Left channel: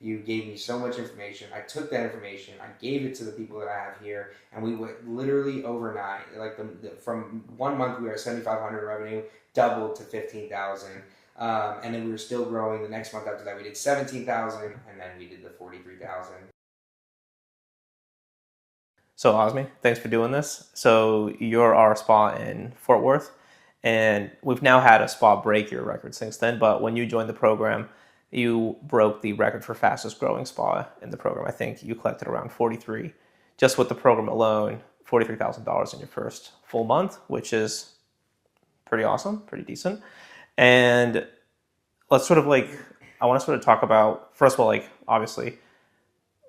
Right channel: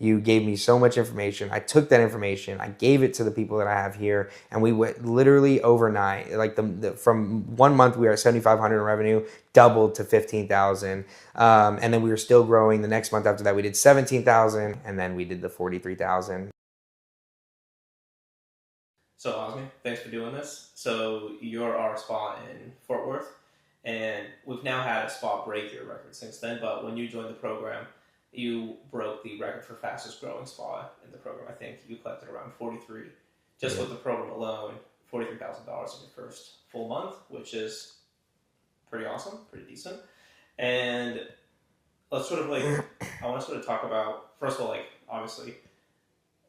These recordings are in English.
You gave me so much information. I took that information, I gave it to the people that I have here, and we went literally overnight. Like from 1 month we were at 7,500 in revenue, doubled to 15,000, and then we were still growing. The next month after that, we did 17,000, and then we did the 43,000. So Osmi, thanks for doing this. So you're our spa in Fort Worth, and we've now had a spa break your record since then. But when you joined the program, you broke the record for fastest growing spa in the program. I think you collected around 43, just with the program alone, $43,000 in your first full month, which is pretty awesome, pretty decent. And let's sort of like, I want to sort of talk about, first of all, like obviously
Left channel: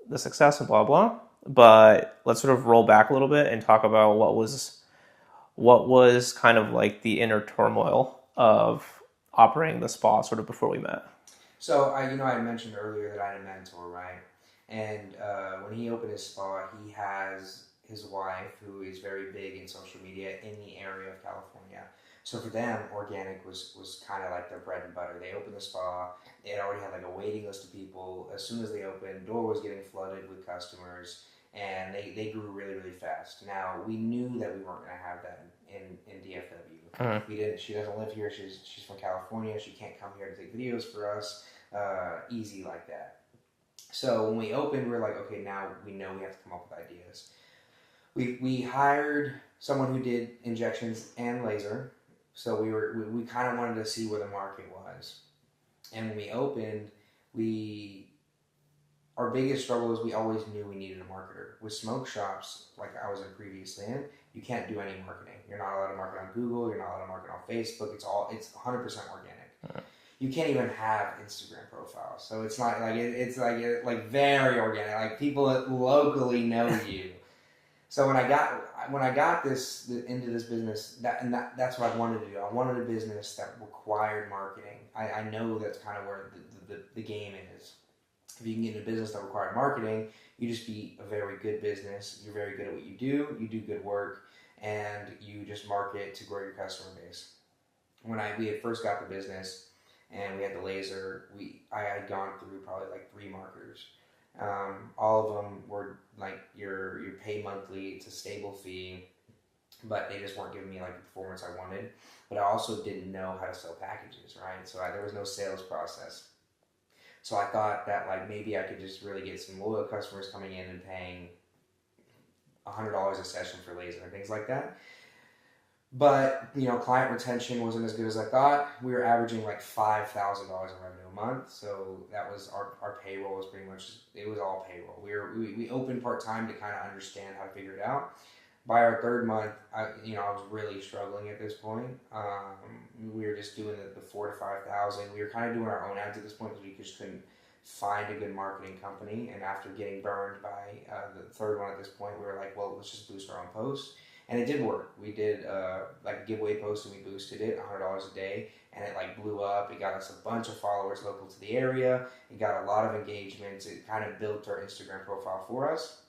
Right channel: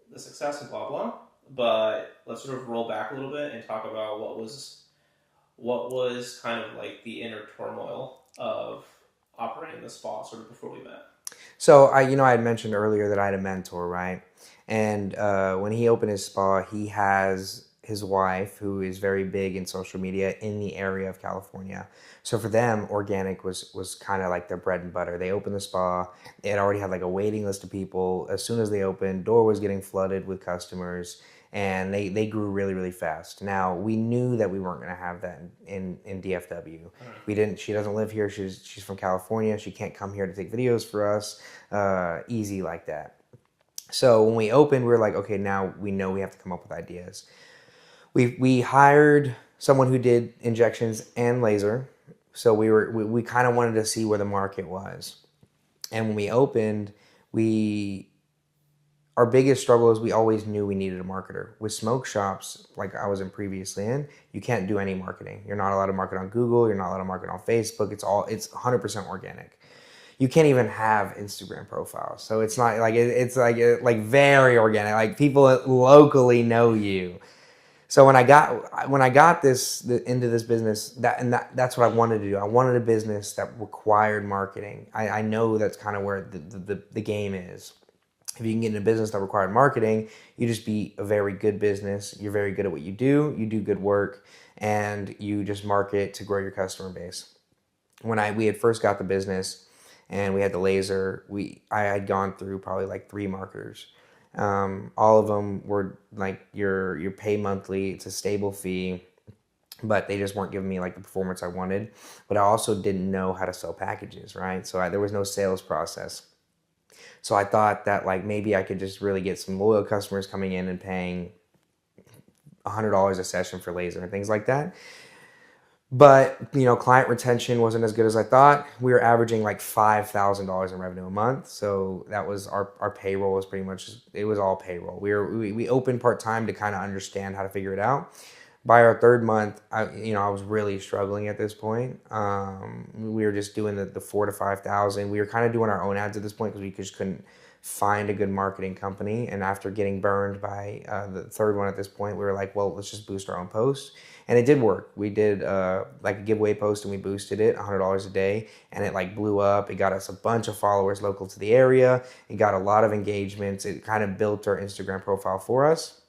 the success and blah, blah, but let's sort of roll back a little bit and talk about what was kind of like the inner turmoil of operating the spa sort of before we met. So I had mentioned earlier that I had a mentor, right? And when he opened his spa, he has his wife who is very big in social media in the area of California. So for them, organic was kind of like their bread and butter. They opened the spa. They had already had like a waiting list of people. As soon as they opened, door was getting flooded with customers, and they grew really, really fast. Now, we knew that we weren't going to have that in DFW. We didn't. She doesn't live here. She's from California. She can't come here to take videos for us easy like that. So when we opened, we were like, okay, now we know we have to come up with ideas. We hired someone who did injections and laser. So we kind of wanted to see where the market was. And when we opened, our biggest struggle is we always knew we needed a marketer. With smoke shops, like I was in previously in, you can't do any marketing. You're not allowed to market on Google. You're not allowed to market on Facebook. It's 100% organic. Right. You can't even have Instagram profiles. So it's not like, it's like very organic. Like people locally know you. So when I got into this business, that's what I wanted to do. I wanted a business that required marketing. I know that's kind of where the game is. If you can get in a business that required marketing, you just be a very good business. You're very good at what you do good work, and you just market to grow your customer base. When we had first got the business and we had the laser, I had gone through probably like 3 marketers. All of them were like your pay monthly. It's a stable fee, but they just weren't giving me like the performance I wanted. But I also didn't know how to sell packages, right? So there was no sales process. So I thought that like maybe I could just really get some loyal customers coming in and paying $100 a session for laser and things like that. But, client retention wasn't as good as I thought. We were averaging like $5,000 in revenue a month. So that was our payroll was pretty much, it was all payroll. We opened part-time to kind of understand how to figure it out. By our 3rd month, I was really struggling at this point. We were just doing the 4,000 to 5,000. We were kind of doing our own ads at this point because we just couldn't find a good marketing company. And after getting burned by the 3rd one at this point, we were like, well, let's just boost our own posts. And it did work. We did like a giveaway post and we boosted it $100 a day, and it like blew up. It got us a bunch of followers local to the area. It got a lot of engagements. It kind of built our Instagram profile for us,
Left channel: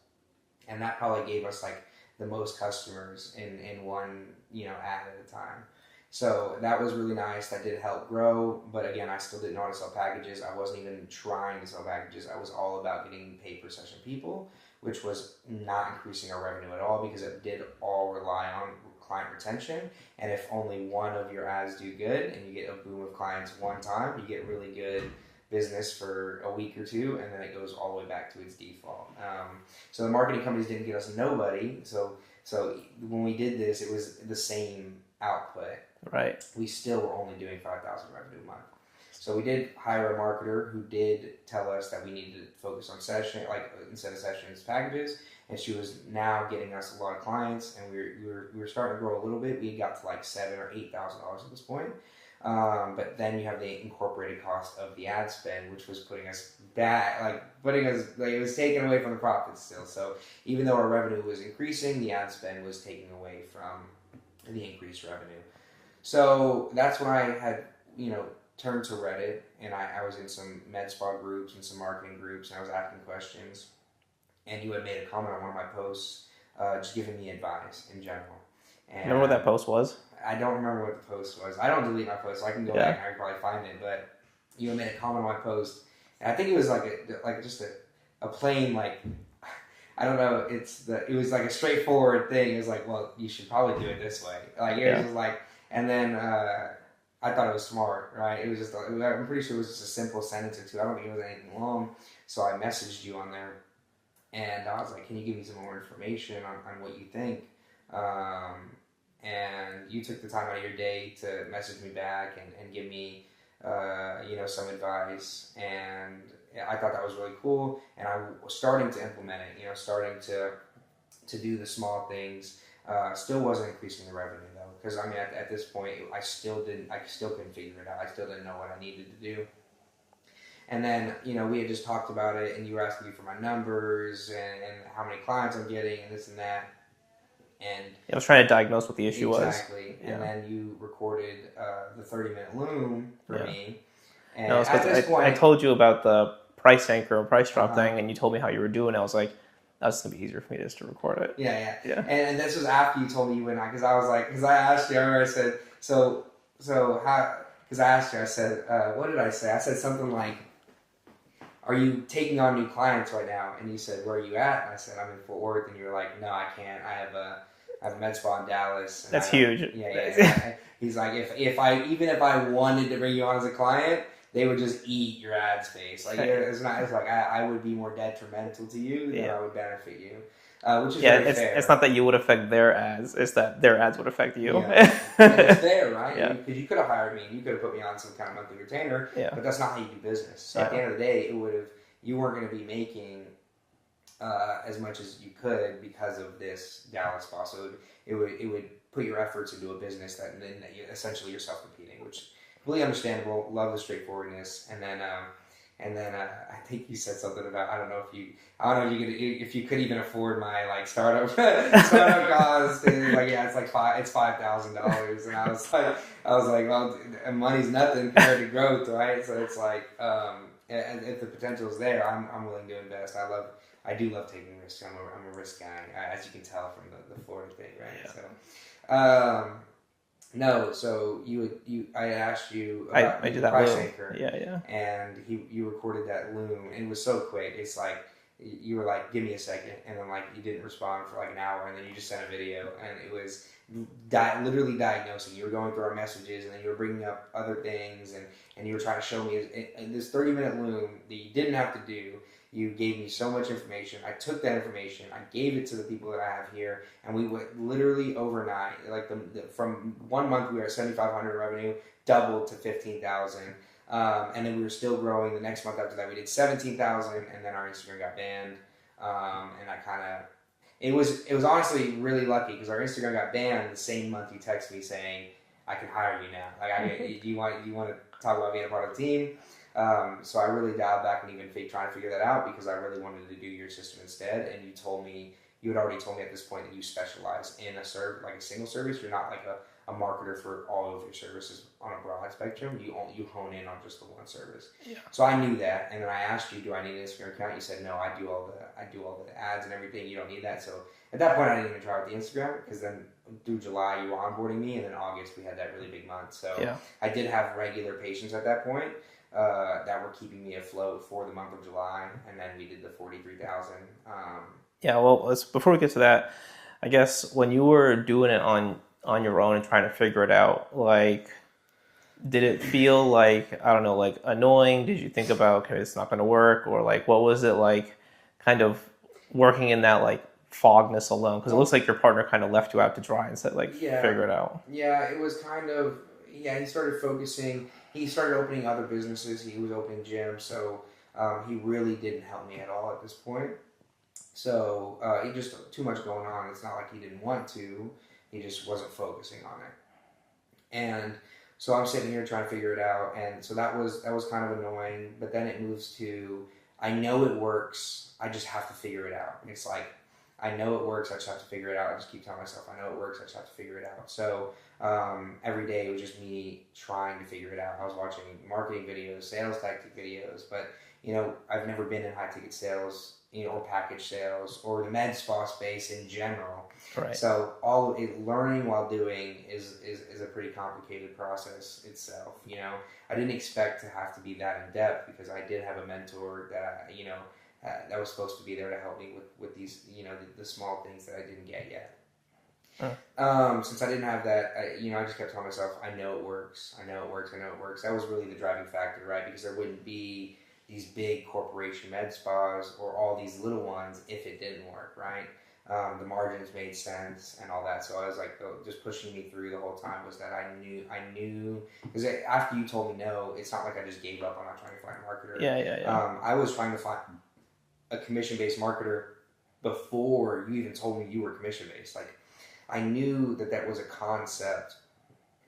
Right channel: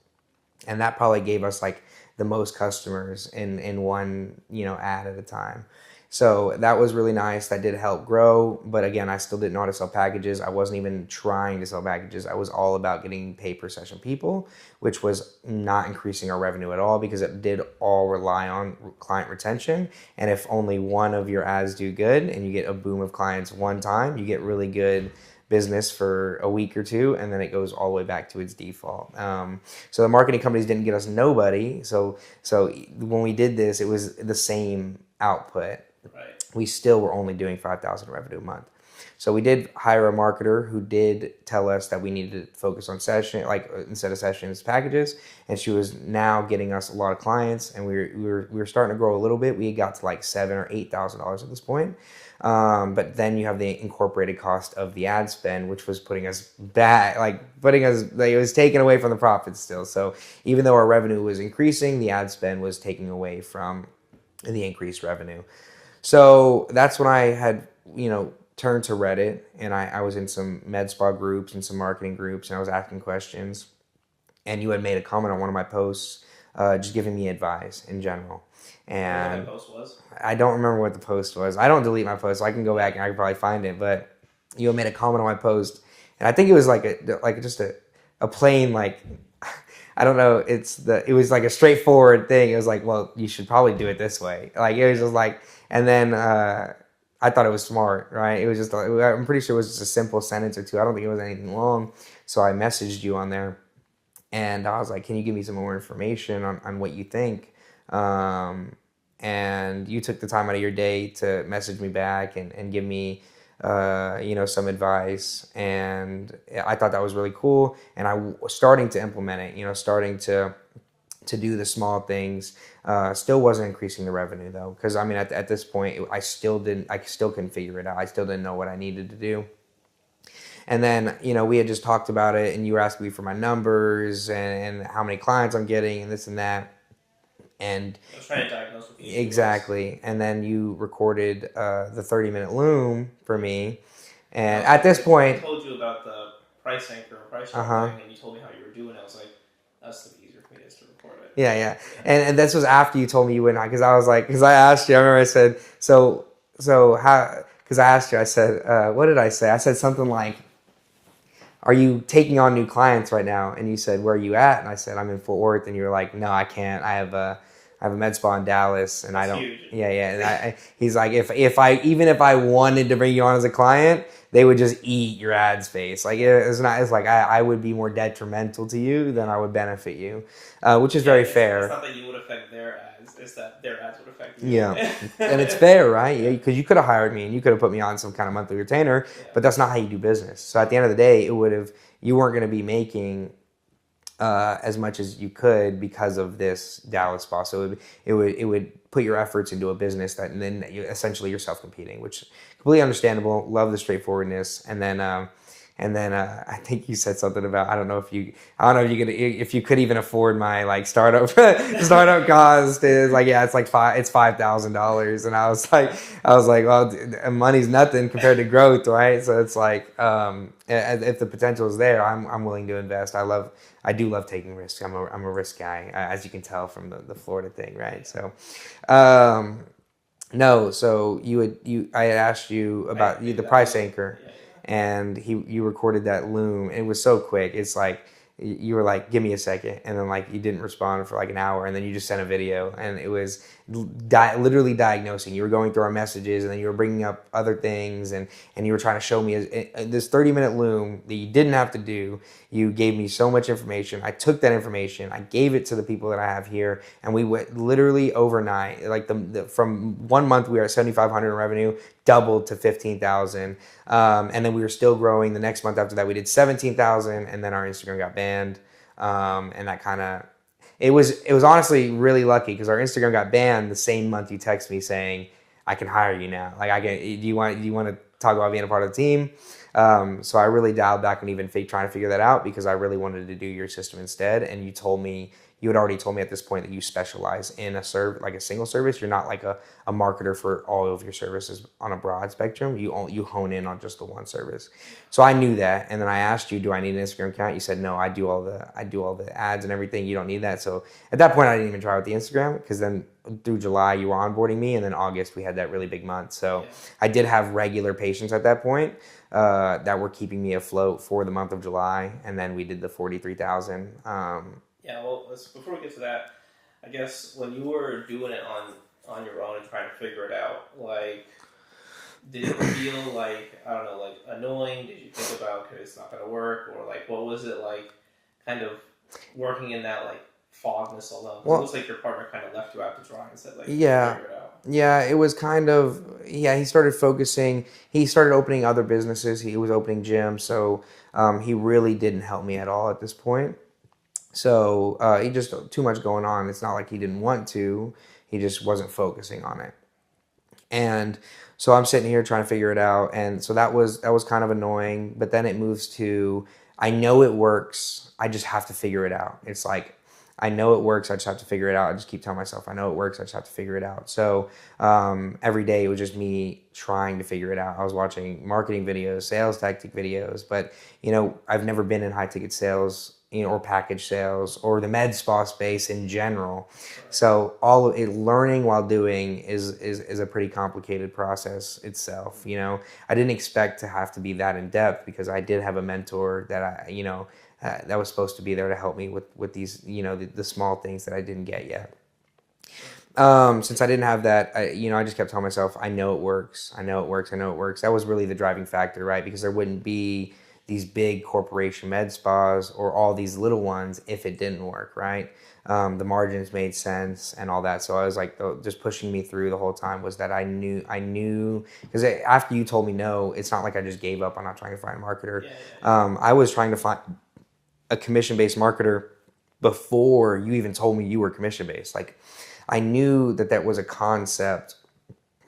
and that probably gave us like the most customers in one ad at a time. So that was really nice. That did help grow. But again, I still didn't know how to sell packages. I wasn't even trying to sell packages. I was all about getting pay per session people, which was not increasing our revenue at all because it did all rely on client retention. And if only one of your ads do good and you get a boom of clients one time, you get really good business for a week or 2, and then it goes all the way back to its default. So the marketing companies didn't get us nobody. So when we did this, it was the same output. Right. We still were only doing 5,000 revenue a month. So we did hire a marketer who did tell us that we needed to focus on session, like instead of sessions, packages. And she was now getting us a lot of clients, and we were starting to grow a little bit. We got to like $7,000 or $8,000 at this point. But then you have the incorporated cost of the ad spend, which was putting us back, it was taken away from the profits still. So even though our revenue was increasing, the ad spend was taking away from the increased revenue. So that's when I had, turned to Reddit, and I was in some med spa groups and some marketing groups, and I was asking questions. And you had made a comment on one of my posts, just giving me advice in general. And remember what that post was? I don't remember what the post was. I don't delete my posts, so I can go back and I can probably find it. But you had made a comment on my post, And I think it was just a plain I don't know. It was like a straightforward thing. It was like, well, you should probably do it this way. Like it was just like, and then I thought it was smart, right? It was just I'm pretty sure it was just a simple sentence or two. I don't think it was anything long. So I messaged you on there, and I was like, can you give me some more information on what you think? And you took the time out of your day to message me back and give me some advice, and I thought that was really cool. And I was starting to implement it, starting to do the small things. Still wasn't increasing the revenue though, because I mean at this point I still couldn't figure it out. I still didn't know what I needed to do. And then we had just talked about it, and you were asking me for my numbers and how many clients I'm getting and this and that. And I was trying to diagnose what the issue was. Exactly. And then you recorded the 30-minute loom for me. And at this point, I told you about the price anchor or price drop thing, and you told me how you were doing. I was like, that's gonna be easier for me just to record it. Yeah. And this was after you told me you wouldn't, because I was like, because I asked you. I remember I said, so how? Because I asked you. I said, what did I say? I said something like, are you taking on new clients right now? And you said, where are you at? And I said, I'm in Fort Worth. And you were like, no, I can't. I have a med spa in Dallas, and that's huge. Yeah. And he's like, if I wanted to bring you on as a client, they would just eat your ad space. Like it's like I would be more detrimental to you than I would benefit you, which is very fair. It's not that you would affect their ads; it's that their ads would affect you. Yeah, and it's fair, right? Because you could have hired me and you could have put me on some kind of monthly retainer, but that's not how you do business. So at the end of the day, you weren't going to be making as much as you could because of this Dallas spa. So it would put your efforts into a business that, and then essentially you're self-competing, which is completely understandable. Love the straightforwardness. And then I think you said something about, I don't know if you could even afford my startup cost is it's $5,000. And I was like, well, money's nothing compared to growth, right? So it's like, if the potential is there, I'm willing to invest. I do love taking risks. I'm a risk guy, as you can tell from the Florida thing, right? Yeah. So, no. So I had asked you about the price anchor. Yeah. And you recorded that loom. It was so quick. It's like you were like, give me a second, and then you didn't respond for an hour, and then you just sent a video, and it was literally diagnosing. You were going through our messages, and then you were bringing up other things, and you were trying to show me this 30-minute loom that you didn't have to do. You gave me so much information. I took that information, I gave it to the people that I have here, and we went literally overnight. From 1 month we were at 7,500 in revenue, doubled to 15,000. And then we were still growing. The next month after that, we did 17,000, and then our Instagram got banned. And that it was honestly really lucky, because our Instagram got banned the same month you text me saying, I can hire you now. Do you want to talk about being a part of the team? So I really dialed back and even trying to figure that out, because I really wanted to do your system instead. And you had already told me at this point that you specialize in a single service. You're not a marketer for all of your services on a broad spectrum. You hone in on just the one service. Yeah. So I knew that, and then I asked you, do I need an Instagram account? You said no. I do all the ads and everything. You don't need that. So at that point, I didn't even try with the Instagram, because then through July you were onboarding me, and then August we had that really big month. So I did have regular patients at that point that were keeping me afloat for the month of July, and then we did the 43,000. Yeah, well, before we get to that, I guess when you were doing it on your own and trying to figure it out, did it feel annoying? Did you think about, okay, it's not going to work? Or what was it like kind of working in that fogness alone? Because it looks like your partner kind of left you out to dry and said figure it out. Yeah, it was kind of, he started focusing, he started opening other businesses. He was opening gyms. So he really didn't help me at all at this point. So he just too much going on. It's not like he didn't want to. He just wasn't focusing on it. And so I'm sitting here trying to figure it out. And so that was kind of annoying. But then it moves to, I know it works. I just have to figure it out. It's like, I know it works. I just have to figure it out. I just keep telling myself, I know it works. I just have to figure it out. So every day it was just me trying to figure it out. I was watching marketing videos, sales tactic videos. But, I've never been in high ticket sales or package sales or the med spa space in general. Right. So all of it, learning while doing is a pretty complicated process itself. I didn't expect to have to be that in depth because I did have a mentor that that was supposed to be there to help me with these, the small things that I didn't get yet. Since I didn't have that, I just kept telling myself, I know it works. I know it works. I know it works. That was really the driving factor, right? Because there wouldn't be these big corporation med spas or all these little ones if it didn't work, right? The margins made sense and all that. So I was like, just pushing me through the whole time was that I knew, because after you told me no, it's not like I just gave up on not trying to find a marketer. Yeah. I was trying to find a commission-based marketer before you even told me you were commission-based. Like, I knew that was a concept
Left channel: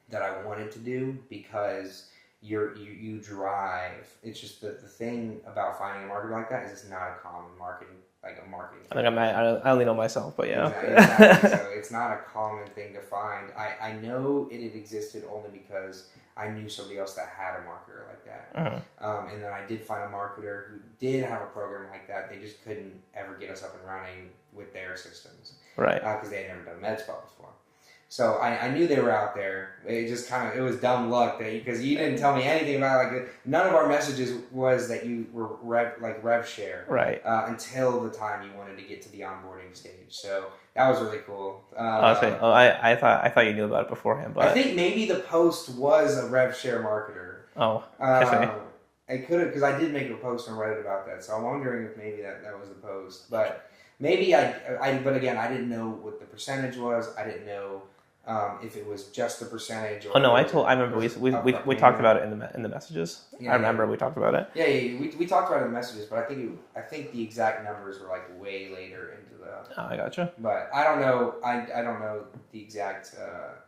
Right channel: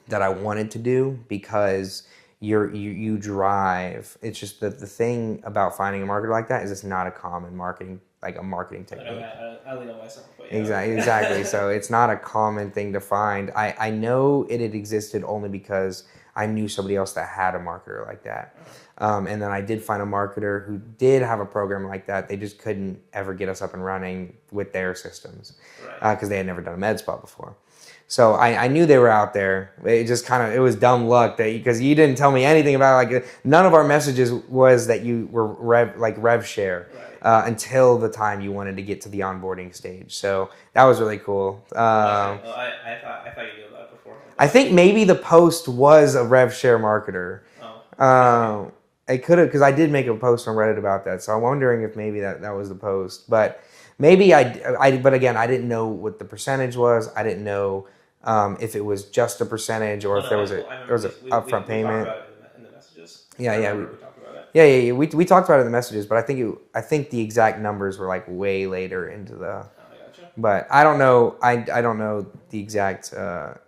that I wanted to do because you drive. It's just the thing about finding a marketer like that is it's not a common marketing technique. Like I only know myself, but yeah. Exactly. So it's not a common thing to find. I know it had existed only because I knew somebody else that had a marketer like that. Uh-huh. And then I did find a marketer who did have a program like that. They just couldn't ever get us up and running with their systems. Right. Because they had never done a med spa before. So I knew they were out there. It just it was dumb luck because you didn't tell me anything about none of our messages was that you were rev share. Right. Until the time you wanted to get to the onboarding stage. So that was really cool. I thought you knew about it beforehand. But... I think maybe the post was a rev share marketer. Oh. It could have, because I did make a post on Reddit about that. So I'm wondering if maybe that was the post. But maybe but again, I didn't know what the percentage was. I didn't know if it was just a percentage or. Oh no, I remember we talked about it in the messages. Yeah, I remember we talked about it. Yeah. We talked about it in the messages, but I think the exact numbers were like way later into the. Oh, I gotcha. But I don't know. I don't know the exact. So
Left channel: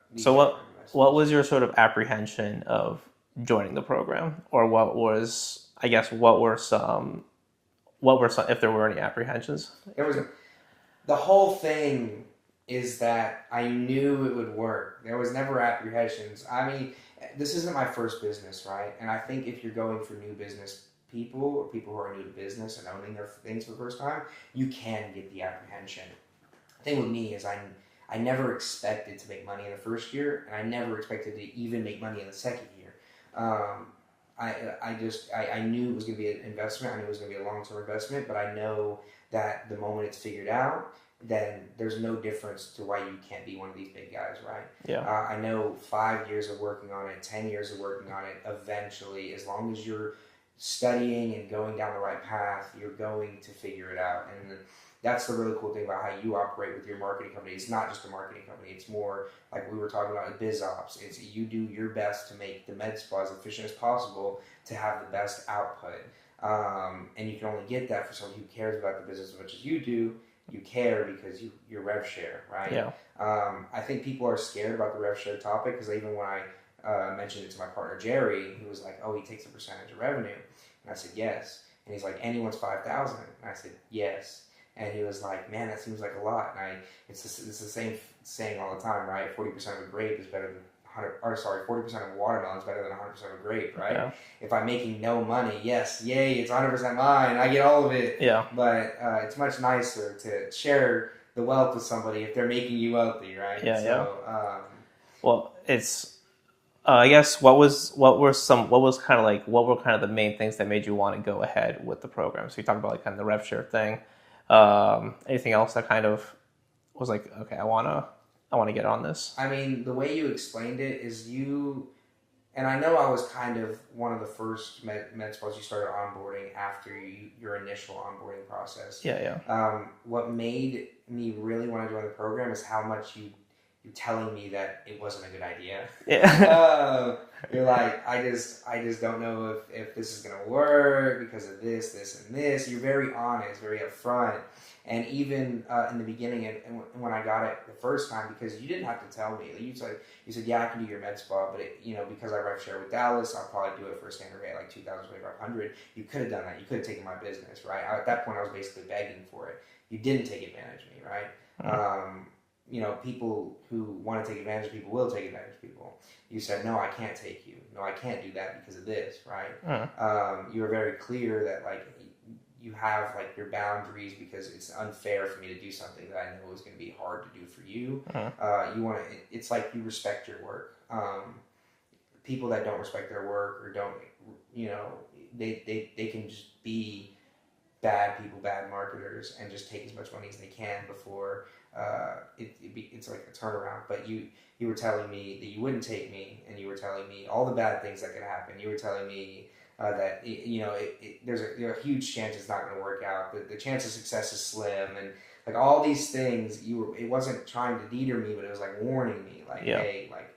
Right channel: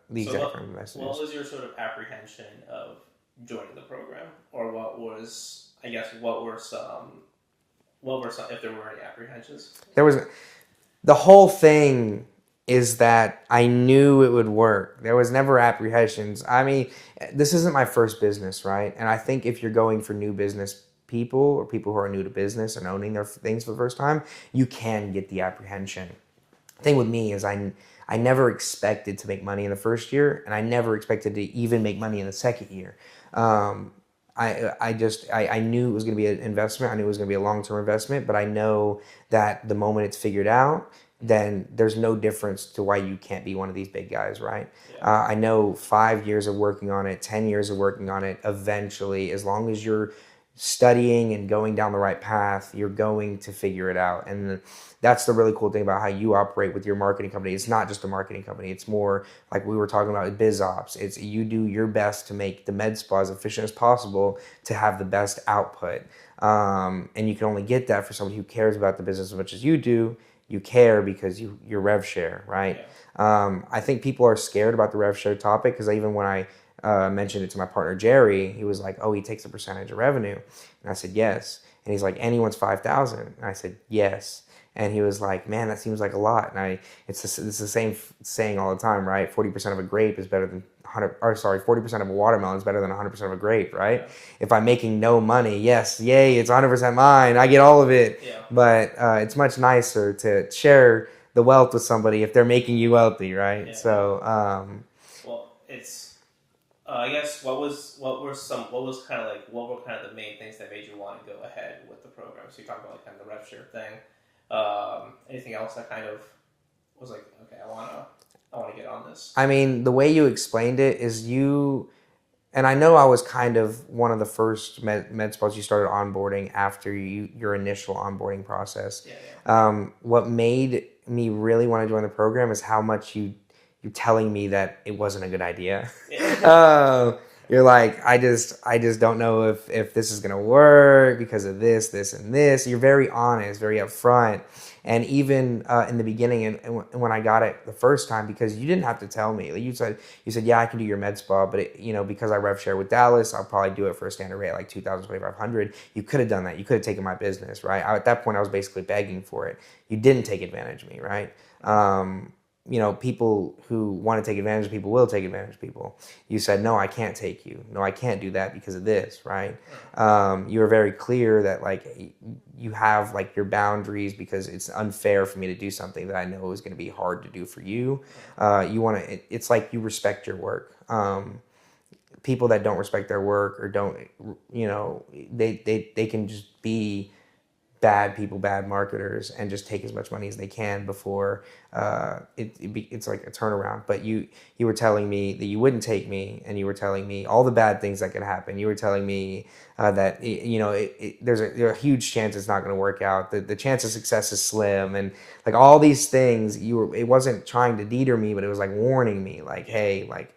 what was your sort of apprehension of joining the program, or what were some if there were any apprehensions? There was. The whole thing is that I knew it would work. There was never apprehensions. I mean, this isn't my first business, right? And I think if you're going for new business people or people who are new to business and owning their things for the first time, you can get the apprehension. The thing with me is I never expected to make money in the first year, and I never expected to even make money in the second year. I knew it was going to be an investment. I knew it was going to be a long-term investment, but I know that the moment it's figured out, then there's no difference to why you can't be one of these big guys, right? Yeah. I know 5 years of working on it, 10 years of working on it, eventually, as long as you're studying and going down the right path, you're going to figure it out. And that's the really cool thing about how you operate with your marketing company. It's not just a marketing company. It's more like we were talking about biz ops. It's you do your best to make the med spa as efficient as possible to have the best output. And you can only get that for somebody who cares about the business as much as you do. You care because you're rev share, right? Yeah. I think people are scared about the rev share topic because even when I mentioned it to my partner Jerry, he was like, "Oh, he takes a percentage of revenue," and I said, "Yes." And he's like, "Anyone's 5,000," and I said, "Yes." And he was like, "Man, that seems like a lot." And it's the same saying all the time, right? 40% of a grape is better than 40% of a watermelon is better than 100% of a grape, right? Yeah. If I'm making no money, yes, yay, it's 100% mine. I get all of it. Yeah. But it's much nicer to share the wealth with somebody if they're making you wealthy, right? Yeah. So, well, it's. I guess what were kind of the main things that made you want to go ahead with the program? So you talked about like kind of the rev share thing. Anything else that kind of was like, okay, I want to get on this? I mean, the way you explained it is and I know I was kind of one of the first med spas you started onboarding after your initial onboarding process. Yeah. What made me really want to join the program is how much you're telling me that it wasn't a good idea. Yeah. You're like, I just don't know if this is gonna work because of this, and this. You're very honest, very upfront. And even in the beginning, and when I got it the first time, because you didn't have to tell me. Like you said, yeah, I can do your med spa, but because I rev share with Dallas, I'll probably do it for a standard rate like $2,000, $2,500. You could have done that. You could have taken my business, right? At that point, I was basically begging for it. You didn't take advantage of me, right? people who want to take advantage of people will take advantage of people. You said, no, I can't take you. No, I can't do that because of this, right? You were very clear that like you have like your boundaries because it's unfair for me to do something that I know is going to be hard to do for you. You want to, it's like you respect your work. People that don't respect their work or don't, they can just be bad people, bad marketers, and just take as much money as they can before it's like a turnaround. But you were telling me that you wouldn't take me, and you were telling me all the bad things that could happen. You were telling me that there's a huge chance it's not going to work out. The chance of success is slim, and like all these things. It wasn't trying to deter me, but it was like warning me, like, hey, like,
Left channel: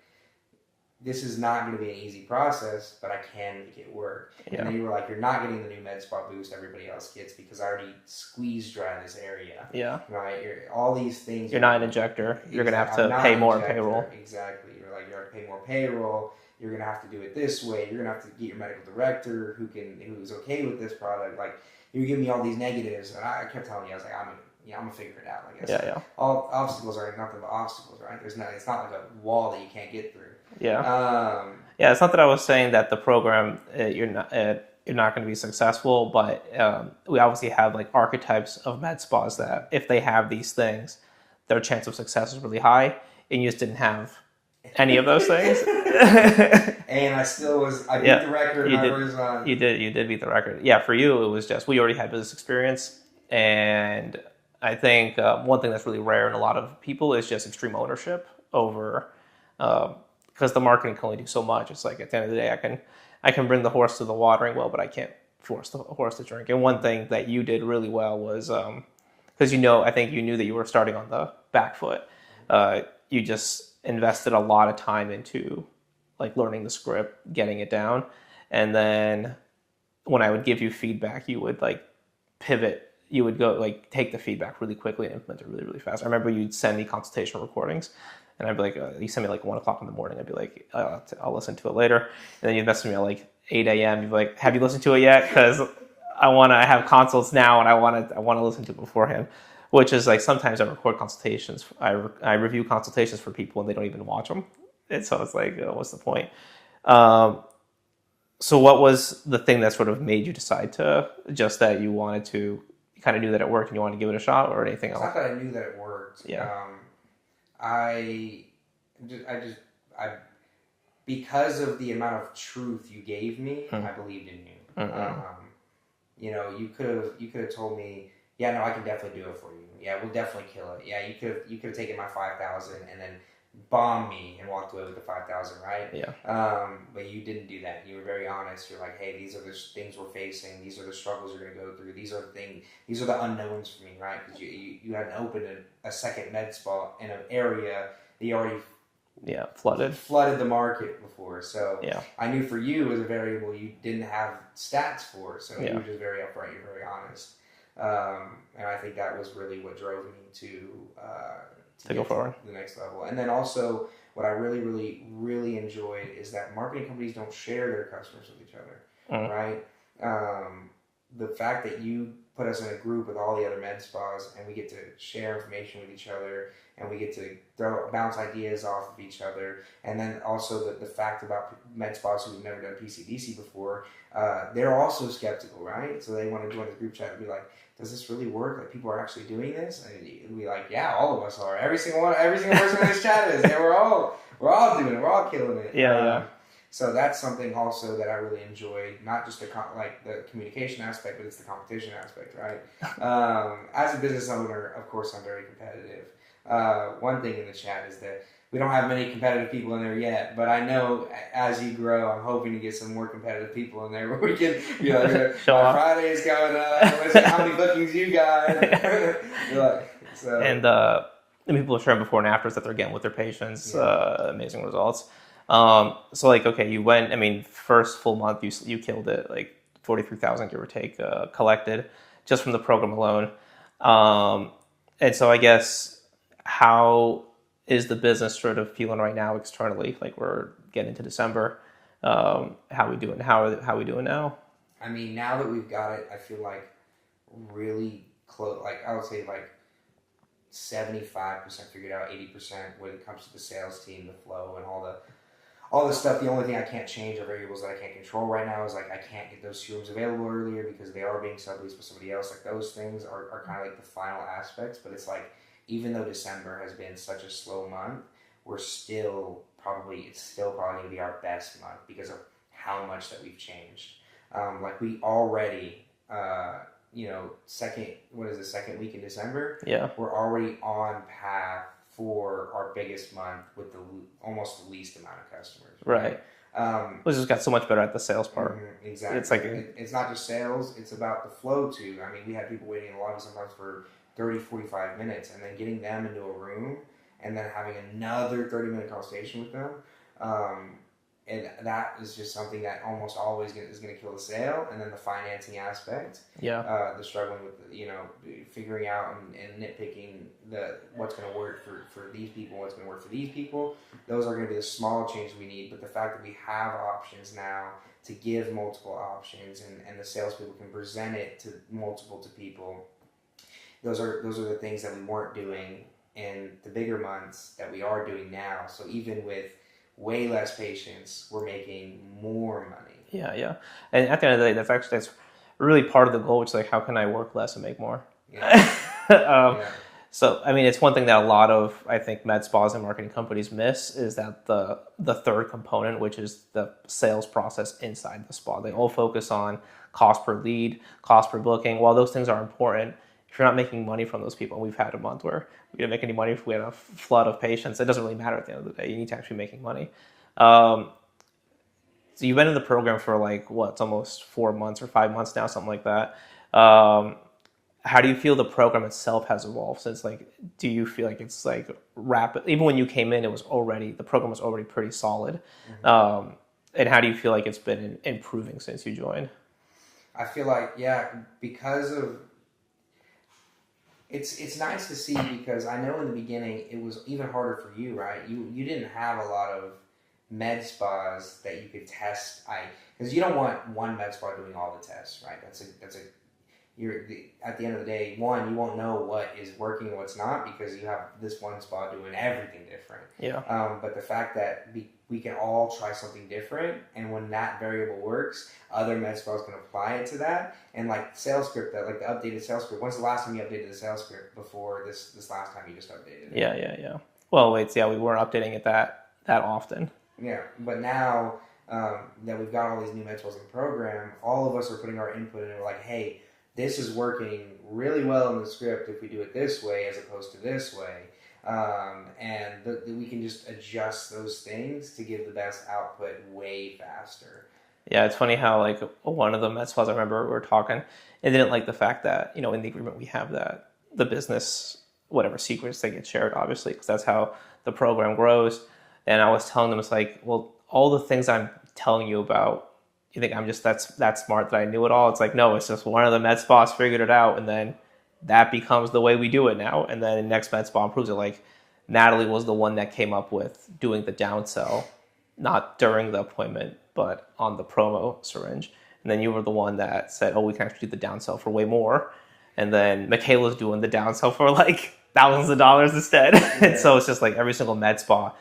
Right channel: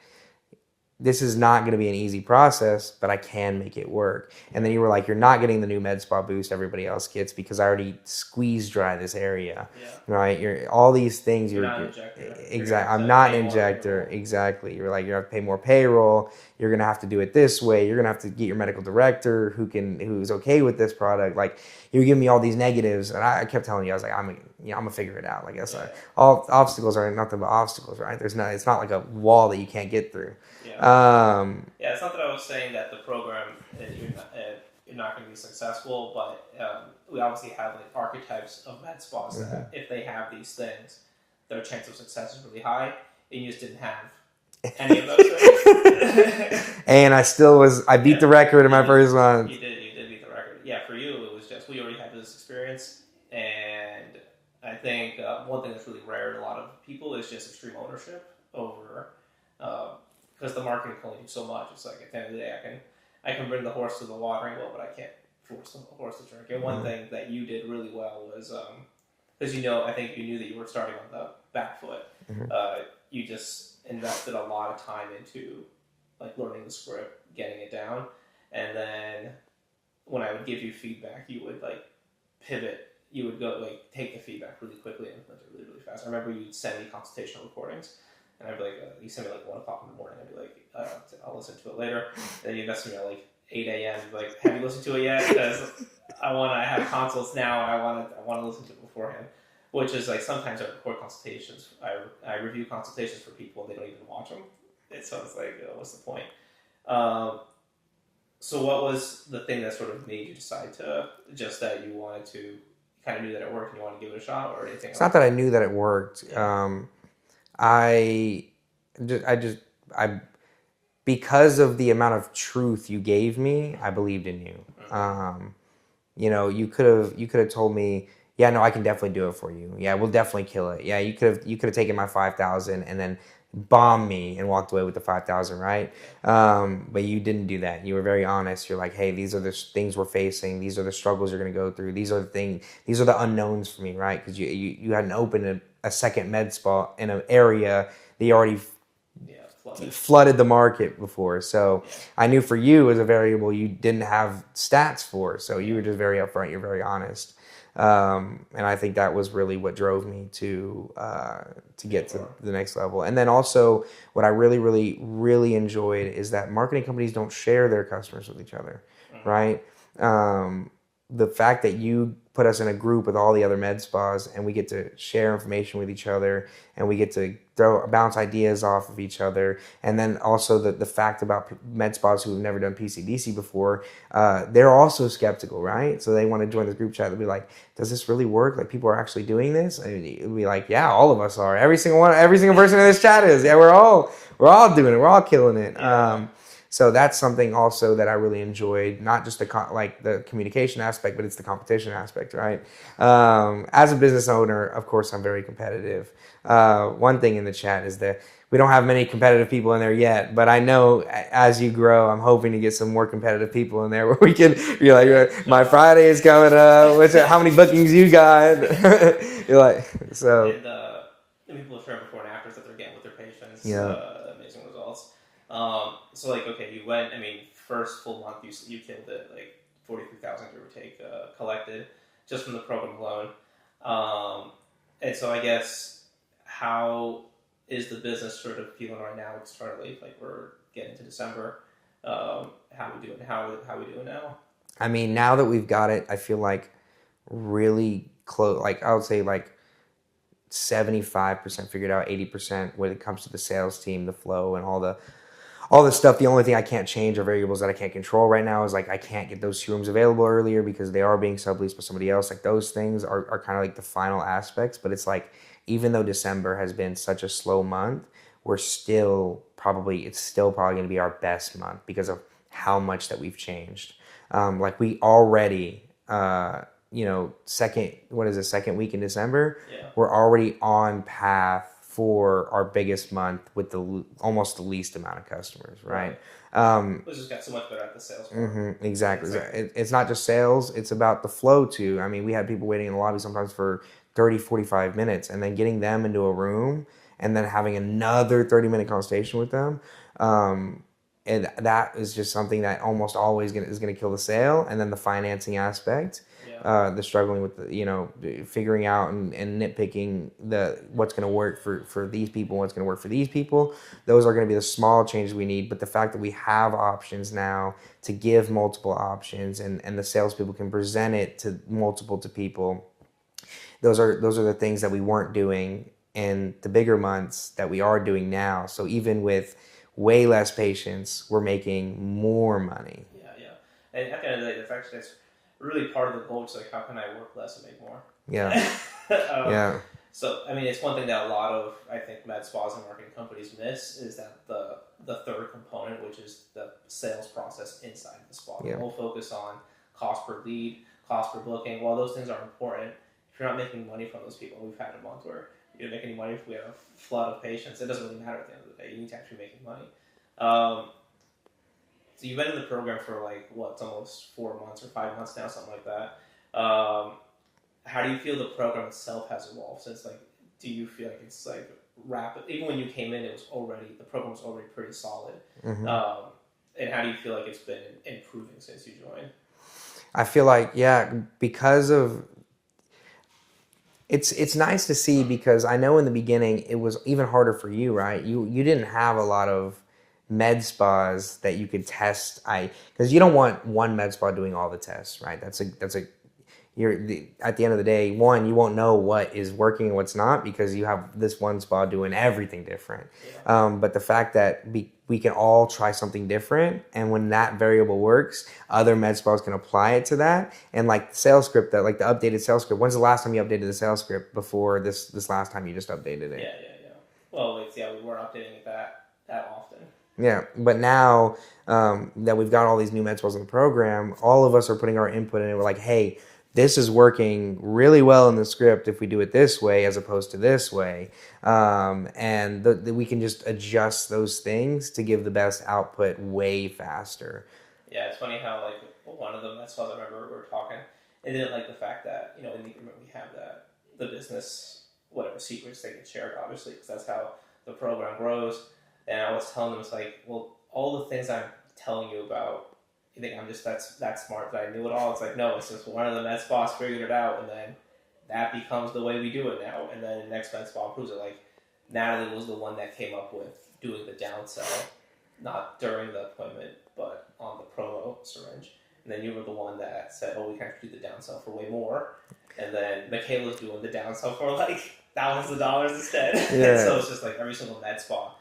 this is not going to be an easy process, but I can make it work. And then you were like, you're not getting the new med spa boost everybody else gets because I already squeezed dry this area. Yeah. Right? You're all these things. You're not an injector. You're going to have to I'm not pay an injector. More exactly. You're like, you're going to have to pay more payroll. You're going to have to do it this way. You're going to have to get your medical director who's okay with this product. Like, you were giving me all these negatives, and I kept telling you, I was like, I'm gonna figure it out. Like I said, all obstacles are nothing but obstacles, right? It's not like a wall that you can't get through. It's not that I was saying that the program you're not going to be successful, but we obviously have like archetypes of med spas that if they have these things, their chance of success is really high, and you just didn't have any of those things. And I beat the record in my first month. You did beat the record. Yeah, for you it was just we already had business experience, and I think one thing that's really rare in a lot of people is just extreme ownership over, because the marketing can only do so much. It's like at the end of the day, I can bring the horse to the watering well, but I can't force the horse to drink. And one thing that you did really well was, because I think you knew that you were starting on the back foot. You just invested a lot of time into like learning the script, getting it down, and then when I would give you feedback, you would like pivot. You would go like take the feedback really quickly and implement it really, really fast. I remember you'd send me consultation recordings, and I'd be like, you send me like 1 o'clock in the morning. I'd be like, I'll listen to it later. And then you'd message me at like 8 a.m. You'd be like, have you listened to it yet? Because I want to have consults now, and I want to listen to it beforehand. Which is like sometimes I record consultations. I review consultations for people and they don't even watch them. And so it's like, what's the point? So what was the thing that sort of made you decide to just that you wanted to, you kind of knew that it worked and you wanted to give it a shot, or anything else? It's not that I knew that it worked. Because of the amount of truth you gave me, I believed in you. You could have told me, yeah, no, I can definitely do it for you. Yeah, we'll definitely kill it. Yeah, you could have taken my 5,000 and then bombed me and walked away with the 5,000, right? But you didn't do that. You were very honest. You're like, hey, these are the things we're facing. These are the struggles you're going to go through. These are the things. These are the unknowns for me, right? Because you hadn't opened a second med spa in an area that you already flooded the market before. So I knew for you as a variable you didn't have stats for. So you were just very upfront. You're very honest. And I think that was really what drove me to get to the next level. And then also what I really, really, really enjoyed is that marketing companies don't share their customers with each other, right? The fact that you put us in a group with all the other med spas and we get to share information with each other and we get to bounce ideas off of each other. And then also the fact about med spas who have never done PCDC before, they're also skeptical, right? So they want to join this group chat and be like, does this really work? Like, people are actually doing this? And it'd be like, yeah, all of us are. Every single person in this chat is. Yeah, we're all doing it. We're all killing it. So that's something also that I really enjoyed, not just the communication aspect, but it's the competition aspect, right? As a business owner, of course, I'm very competitive. One thing in the chat is that we don't have many competitive people in there yet, but I know as you grow, I'm hoping to get some more competitive people in there where we can be like, my Friday is coming up. How many bookings you got? You're like, so. And the people are sharing before and afters that they're getting with their patients. Amazing results. So like, okay, you went, first full month, you killed it, like 43,000 give or take, collected just from the program alone. And so I guess, how is the business sort of feeling right now externally? Like, we're getting to December. How we doing? How we doing now? Now that we've got it, I feel like really close, like I would say like 75% figured out, 80% when it comes to the sales team, the flow, and all this stuff. The only thing I can't change are variables that I can't control right now. Is like I can't get those 2 rooms available earlier because they are being subleased by somebody else. Like those things are kind of like the final aspects. But it's like even though December has been such a slow month, it's still probably going to be our best month because of how much that we've changed. Like we already, second week in December, Yeah. we're already on path for our biggest month with almost the least amount of customers, right? We just got so much better at the sales part. Exactly. It's like it's not just sales, it's about the flow too. I mean, we had people waiting in the lobby sometimes for 30, 45 minutes, and then getting them into a room and then having another 30-minute conversation with them. And that is just something that almost always is going to kill the sale. And then the financing aspect, the struggling with figuring out and nitpicking what's going to work for these people, what's going to work for these people. Those are going to be the small changes we need. But the fact that we have options now to give multiple options and the salespeople can present it to people, those are the things that we weren't doing in the bigger months that we are doing now. So even with way less patients, we're making more money. Yeah. And at the end of the day, that's really part of the goal, which is like, how can I work less and make more? Yeah. So, I mean, it's one thing that a lot of, I think, med spas and marketing companies miss is that the third component, which is the sales process inside the spa. They all focus on cost per lead, cost per booking. While those things are important, if you're not making money from those people, and we've had a month where we didn't make any money if we had a flood of patients, it doesn't really matter at the end of the day. You need to actually be making money. So you've been in the program for it's almost 4 months or 5 months now, something like that. How do you feel the program itself has evolved since, do you feel like it's rapid? Even when you came in, the program was already pretty solid. Mm-hmm. And how do you feel like it's been improving since you joined? I feel like, because of, it's nice to see, because I know in the beginning it was even harder for you, right? You didn't have a lot of med spas that you could test. Because you don't want one med spa doing all the tests, right? At the end of the day, you won't know what is working and what's not because you have this one spa doing everything different. Yeah. But the fact that we can all try something different, and when that variable works, other med spas can apply it to that. And the sales script, the updated sales script. When's the last time you updated the sales script before this last time you just updated it? Yeah. Well, we weren't updating it that often. Yeah, but now that we've got all these new med spas in the program, all of us are putting our input in it. We're like, hey, this is working really well in the script if we do it this way as opposed to this way. And we can just adjust those things to give the best output way faster. Yeah, it's funny how one of the med spas I remember we were talking, and didn't like the fact that, in the agreement we have that the business, whatever secrets they get shared, obviously, because that's how the program grows. And I was telling them, it's well, all the things I'm telling you about, you think I'm just that smart that I knew it all? It's no, it's just one of the med spas figured it out, and then that becomes the way we do it now. And then the next med spa improves it. Natalie was the one that came up with doing the downsell, not during the appointment, but on the promo syringe. And then you were the one that said, oh, we can actually do the downsell for way more. And then Michaela's doing the downsell for thousands of dollars instead. Yeah. And so it's just every single med spa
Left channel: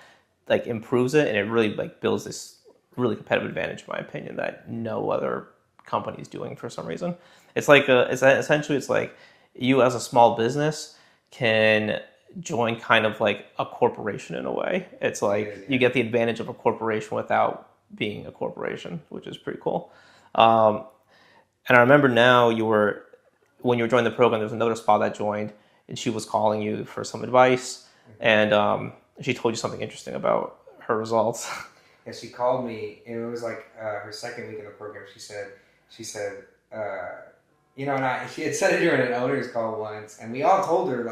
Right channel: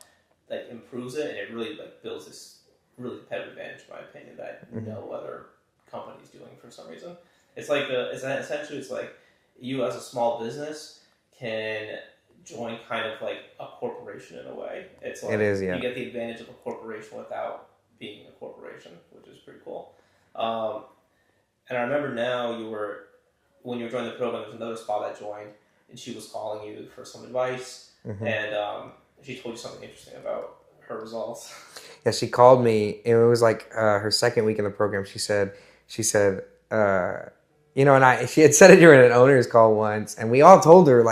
improves it, and it really builds this really competitive advantage, in my opinion, that no other company is doing for some reason. It's essentially you as a small business can join kind of a corporation in a way. It's it is, you get the advantage of a corporation without being a corporation, which is pretty cool. And I remember now when you were joining the program, there was another spa that joined, and she was calling you for some advice, and she told you something interesting about her results. Yeah, she called me, and it was her second week in the program. She said, and she had said it during an owner's call once, and we all told her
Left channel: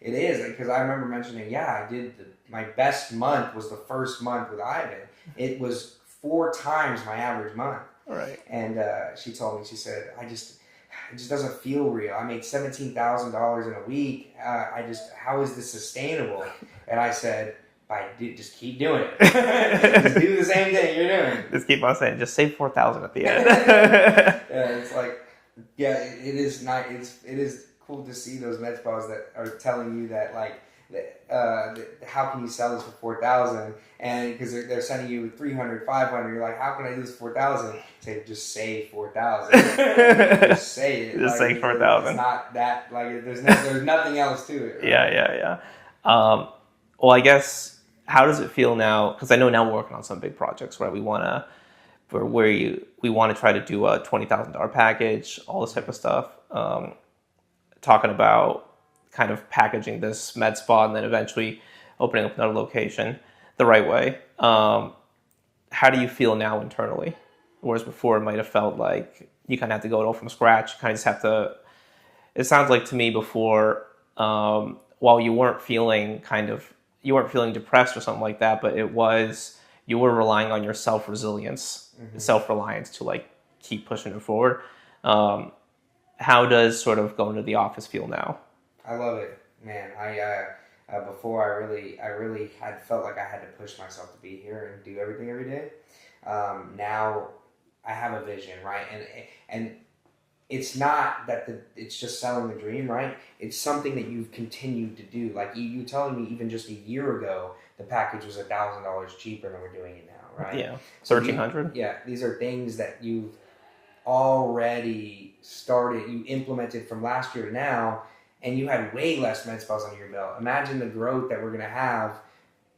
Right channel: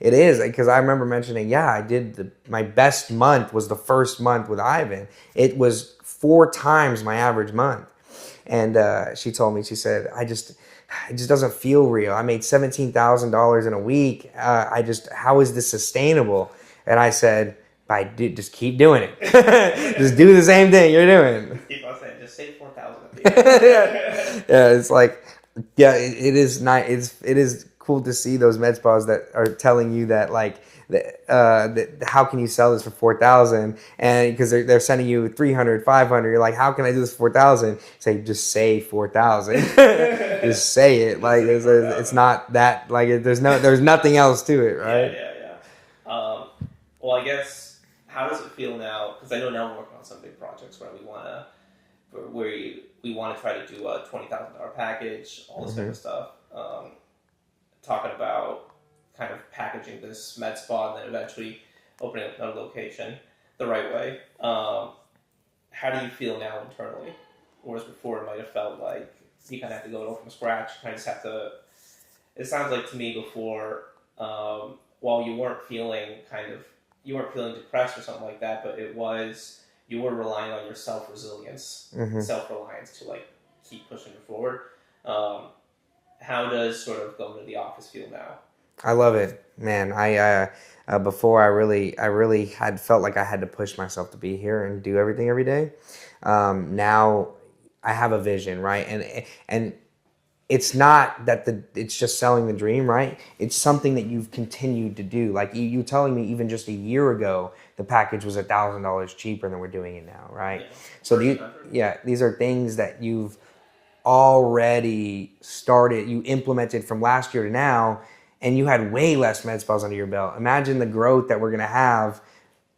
it is, because I remember mentioning, I did my best month was the first month with Ivan. It was 4 times my average month. Right. And she told me, she said, it just doesn't feel real. I made $17,000 in a week. How is this sustainable? And I said, just keep doing it. Just do the same thing you're doing. Just keep on saying, just save $4,000 at the end. Yeah, it's it is nice. It is cool to see those med spas that are telling you that like how can you sell this for 4,000, and because they're sending you 300, 500, you're like, how can I do this for 4,000? Say, just say 4,000. Just say it. Just like say it's not that like there's nothing else to it, right? Yeah. Well, I guess, how does it feel now? Because I know now we're working on some big projects, right? We want to try to do a $20,000 package, all this type of stuff. Talking about kind of packaging this med spa and then eventually opening up another location the right way. How do you feel now internally? Whereas before it might have felt like you kind of have to go it all from scratch. You kind of just have to. It sounds like to me before, while you weren't feeling depressed or something like that, but you were relying on your self-resilience, self-reliance to like keep pushing it forward. How does sort of going to the office feel now? I love it, man. Before I really had felt like I had to push myself to be here and do everything every day. Now I have a vision, right? And it's not that it's just selling the dream, right? It's something that you've continued to do. Like you telling me even just a year ago, the package was $1,000 cheaper than we're doing it now, right? Yeah, so 1,300. Yeah, these are things that you've already started. You implemented from last year to now, and you had way less med spas under your belt. Imagine the growth that we're gonna have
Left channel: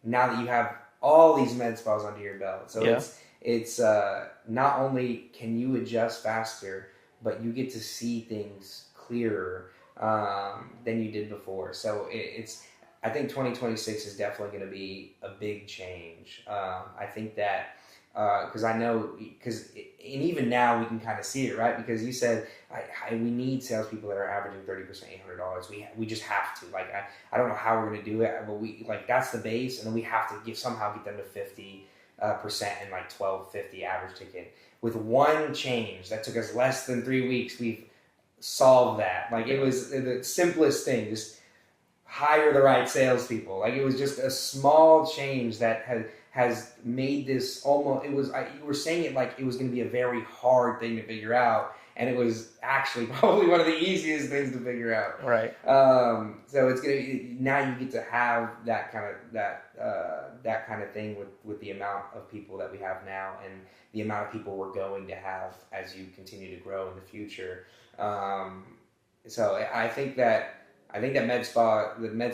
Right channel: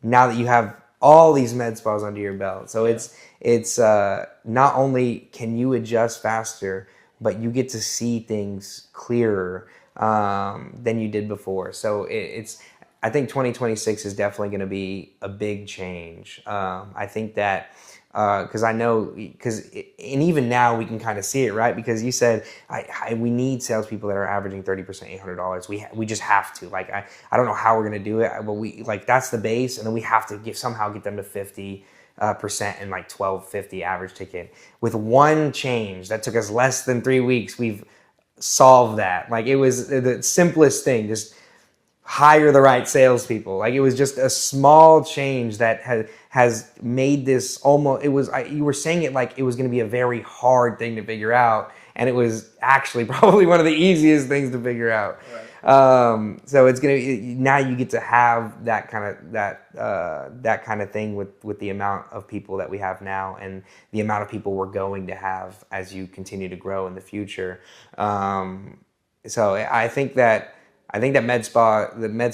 now that you have all these med spas under your belt. So it's not only can you adjust faster, but you get to see things clearer than you did before. So I think 2026 is definitely going to be a big change. I think that because and even now we can kind of see it, right? Because you said we need salespeople that are averaging 30% $800. We just have to. Like I don't know how we're going to do it, but we like that's the base, and then we have to somehow get them to 50% and like 1250 average ticket. With one change that took us less than 3 weeks, we've solved that. Like it was the simplest thing, just hire the right salespeople. Like it was just a small change that has made this almost. You were saying it like it was going to be a very hard thing to figure out, and it was actually probably one of the easiest things to figure out. Right. So it's gonna now you get to have that kind of thing with the amount of people that we have now and the amount of people we're going to have as you continue to grow in the future. So I think that the med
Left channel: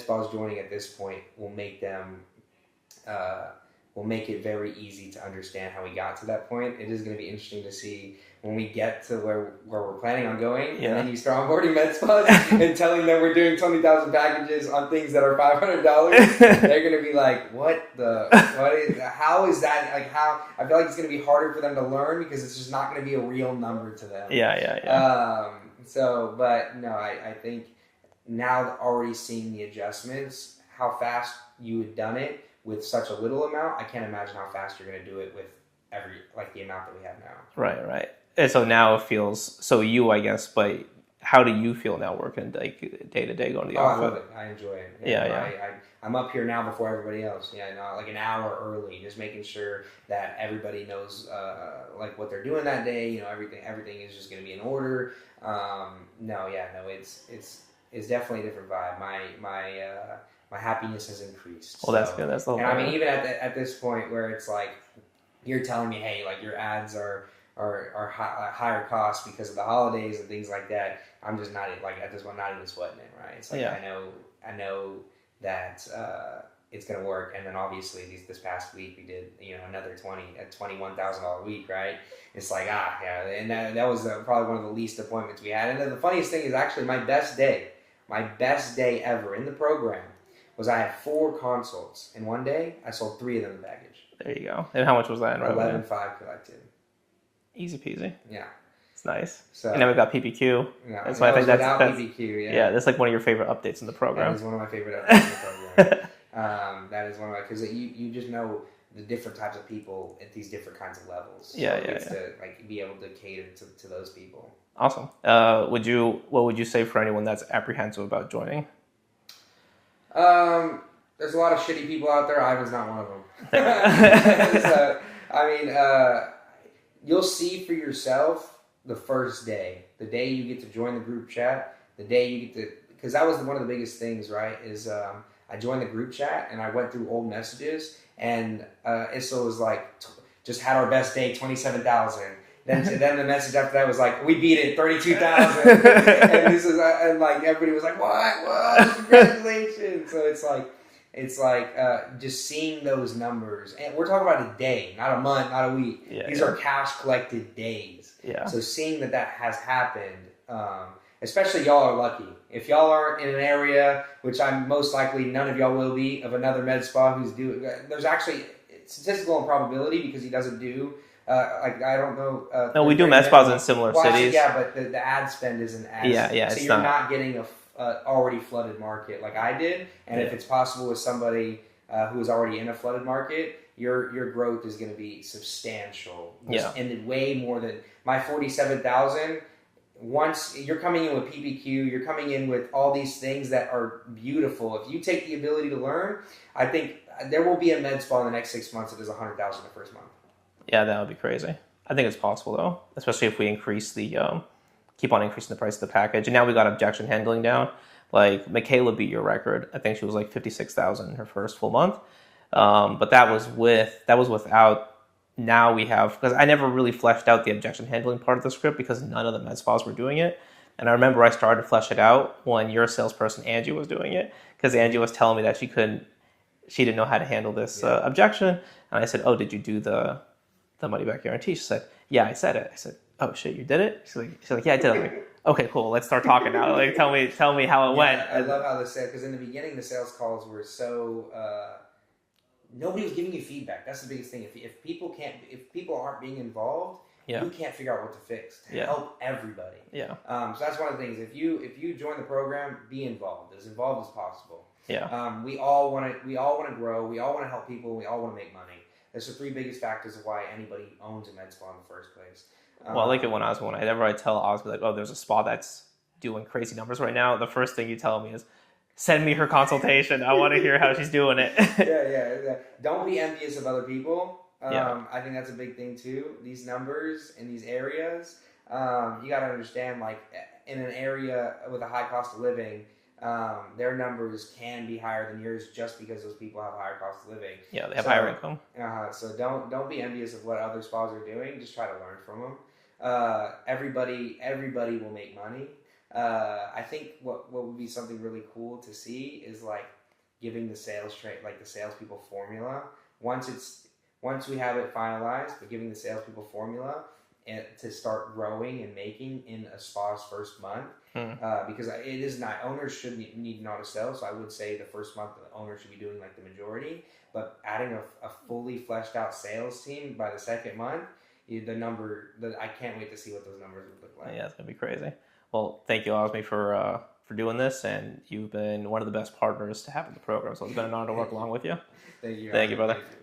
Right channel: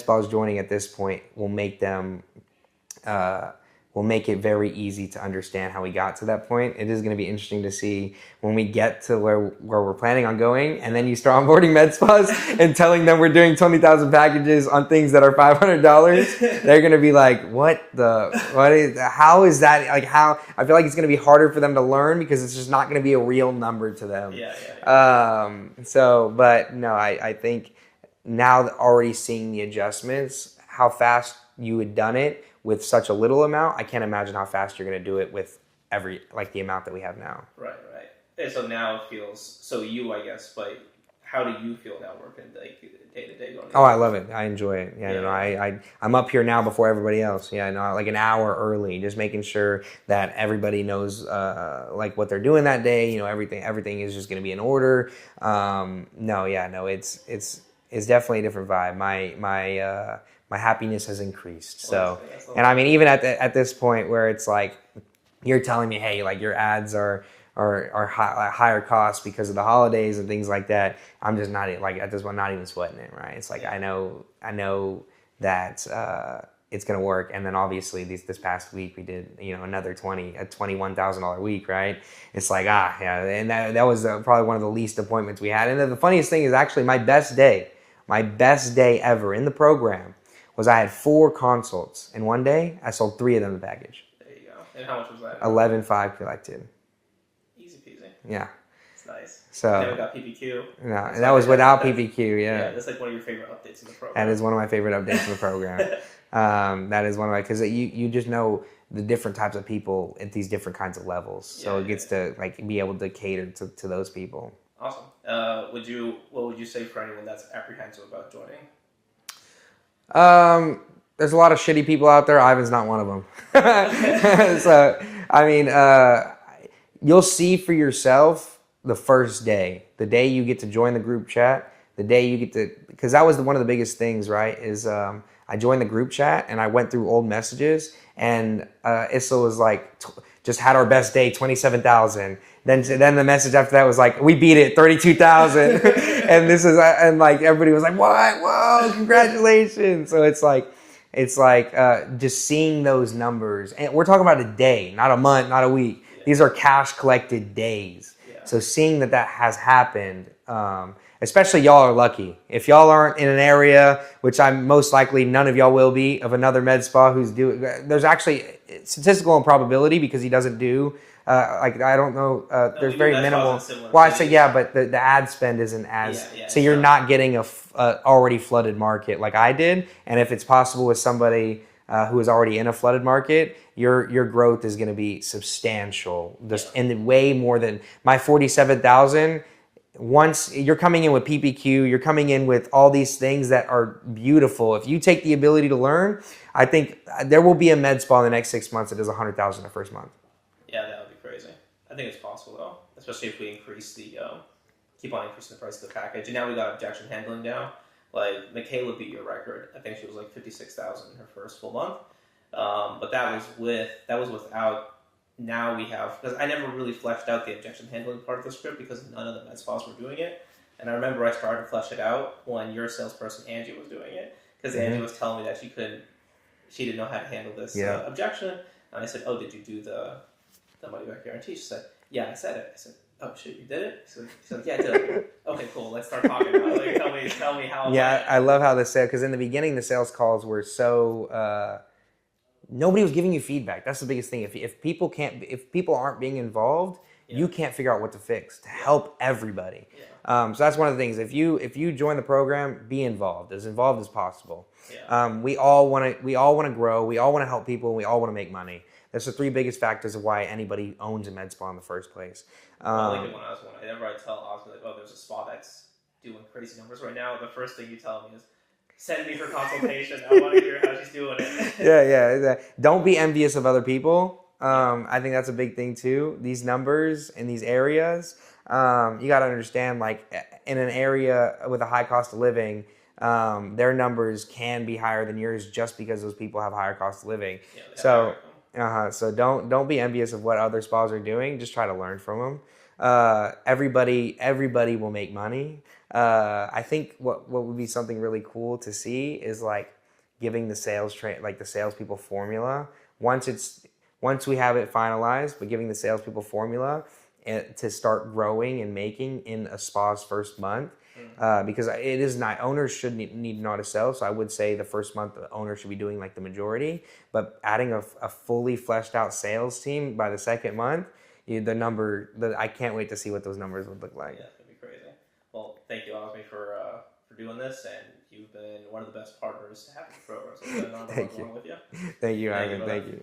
spas joining at this point will make them. Will make it very easy to understand how we got to that point. It is going to be interesting to see when we get to where we're planning on going, and then you start onboarding med spas and telling them we're doing 20,000 packages on things that are $500. They're going to be like, how is that? Like how? I feel like it's going to be harder for them to learn because it's just not going to be a real number to them. Yeah. But no, I think now already seeing the adjustments, how fast you had done it with such a little amount, I can't imagine how fast you're going to do it with the amount that we have now. Right. And so now it feels, I guess, but how do you feel now working like day to day going to the office? I love it. I enjoy it. I'm up here now before everybody else. Like an hour early, just making sure that everybody knows like what they're doing that day. Everything is just going to be in order. It's definitely a different vibe. My happiness has increased. Well, that's good. That's the whole and I mean, even at this point where it's like you're telling me, hey, like your ads are higher cost because of the holidays and things like that. I'm just not like at this point not even sweating it, right? It's like I know that it's gonna work. And then obviously this past week we did another $21,000 week, right? It's like and that was probably one of the least appointments we had. And then the funniest thing is actually my best day ever in the program was I had 4 consults in one day. I sold 3 of them the package. There you go. And how much was that? 11,500 collected. Easy peasy. Yeah. It's nice. So, and then we got PPQ. No, and that was without PPQ. Yeah, that's like one of your favorite updates in the program. That is one of my favorite updates in the program. That is one of my, because you just know the different types of people at these different kinds of levels. So it gets to like be able to cater to those people. Awesome. What would you say for anyone that's apprehensive about joining? There's a lot of shitty people out there. Ivan's not one of them. So, I mean, you'll see for yourself the first day, the day you get to join the group chat, The day you get to, because that was one of the biggest things, right? Is I joined the group chat and I went through old messages, and Issa was like, just had our best day, 27,000. Then the message after that was like, we beat it, 32,000. And this is, and like everybody was like, what? Whoa, congratulations. So it's like just seeing those numbers, and we're talking about a day, not a month, not a week. Yeah. These are cash collected days. Yeah. So seeing that has happened, especially y'all are lucky. If y'all aren't in an area, which I'm most likely none of y'all will be, of another med spa who's doing, there's actually statistical improbability because he doesn't do, like I don't know. No, we do med spas in similar well, cities. I said yeah, but the ad spend isn't as. Yeah. So you're not getting a already flooded market like I did, and if it's possible with somebody who is already in a flooded market, your growth is going to be substantial, and then way more than my 47,000. Once you're coming in with PPQ, you're coming in with all these things that are beautiful. If you take the ability to learn, I think there will be a med spa in the next 6 months that does 100,000 the first month. Yeah, that would be crazy. I think it's possible though, especially if we increase keep on increasing the price of the package. And now we got objection handling down. Like Michaela beat your record. I think she was like 56,000 in her first full month. But that was without. Now we have, because I never really fleshed out the objection handling part of the script because none of the med spas were doing it. And I remember I started to flesh it out when your salesperson Angie was doing it, because Angie was telling me that she didn't know how to handle this objection. And I said, oh, did you do the money back guarantee? She said, yeah, I said it. I said, oh shit, you did it? She's like, yeah, I did. I'm like, okay, cool. Let's start talking now. Like, tell me how it went. I love how because in the beginning the sales calls were so nobody was giving you feedback. That's the biggest thing. If people aren't being involved, you can't figure out what to fix to help everybody. Yeah. So that's one of the things. If you join the program, be involved as possible. Yeah. We all want to grow. We all want to help people. We all want to make money. That's the three biggest factors of why anybody owns a med spa in the first place. Well, I like it when whenever I tell Osby, like, oh, there's a spa that's doing crazy numbers right now, the first thing you tell me is, send me her consultation. I want to hear how she's doing it. Yeah. Don't be envious of other people. I think that's a big thing too. These numbers in these areas, you got to understand, like in an area with a high cost of living, their numbers can be higher than yours just because those people have higher cost of living. Yeah, they have higher income. So don't be envious of what other spas are doing. Just try to learn from them. Everybody will make money. I think what would be something really cool to see is like giving the the salespeople formula. Once we have it finalized, but giving the salespeople formula to start growing and making in a spa's first month. Because it is not, owners should need to know how to sell. So I would say the first month the owner should be doing like the majority, but adding a fully fleshed out sales team by the second month, I can't wait to see what those numbers would look like. Yeah, it's gonna be crazy. Well, thank you, Osmi, for doing this, and you've been one of the best partners to have in the program. So it's been an honor to work along with you. Thank you, brother. Thank you.